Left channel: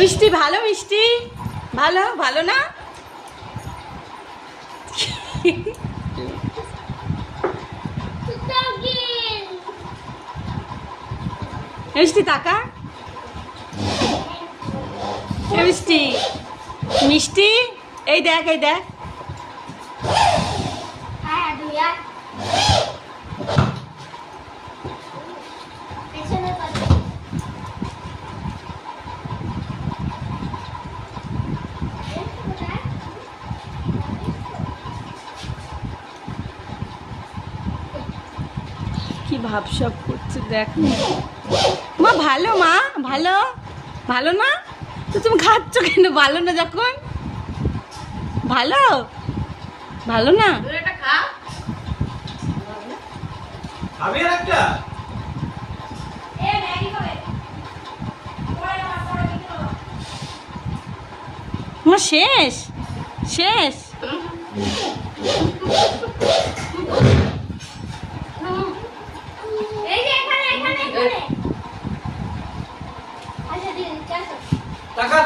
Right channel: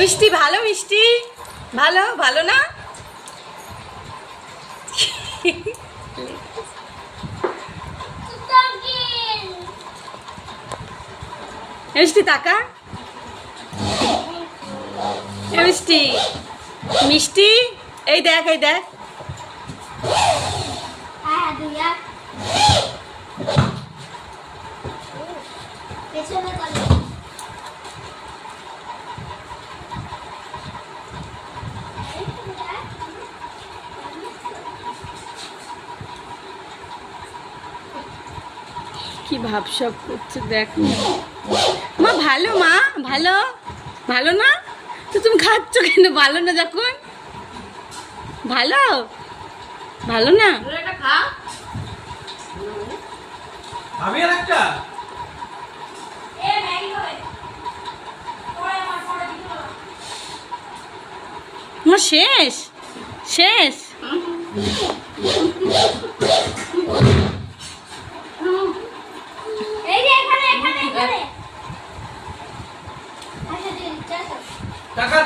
মিষ্টি ভালো, মিষ্টি ভালো, ভালো না? মিষ্টি তাকা, মিষ্টি মিষ্টি, এই দেখ, এই দেখ। কি ভাবসাব করছে দেখ। মা ভালো, মা ভালো, ভালো না? তো তুমি খাচ্ছ কেন? ভালো না যখন? ভালো, ভালো না? মা শেষ, শেষ। টাকা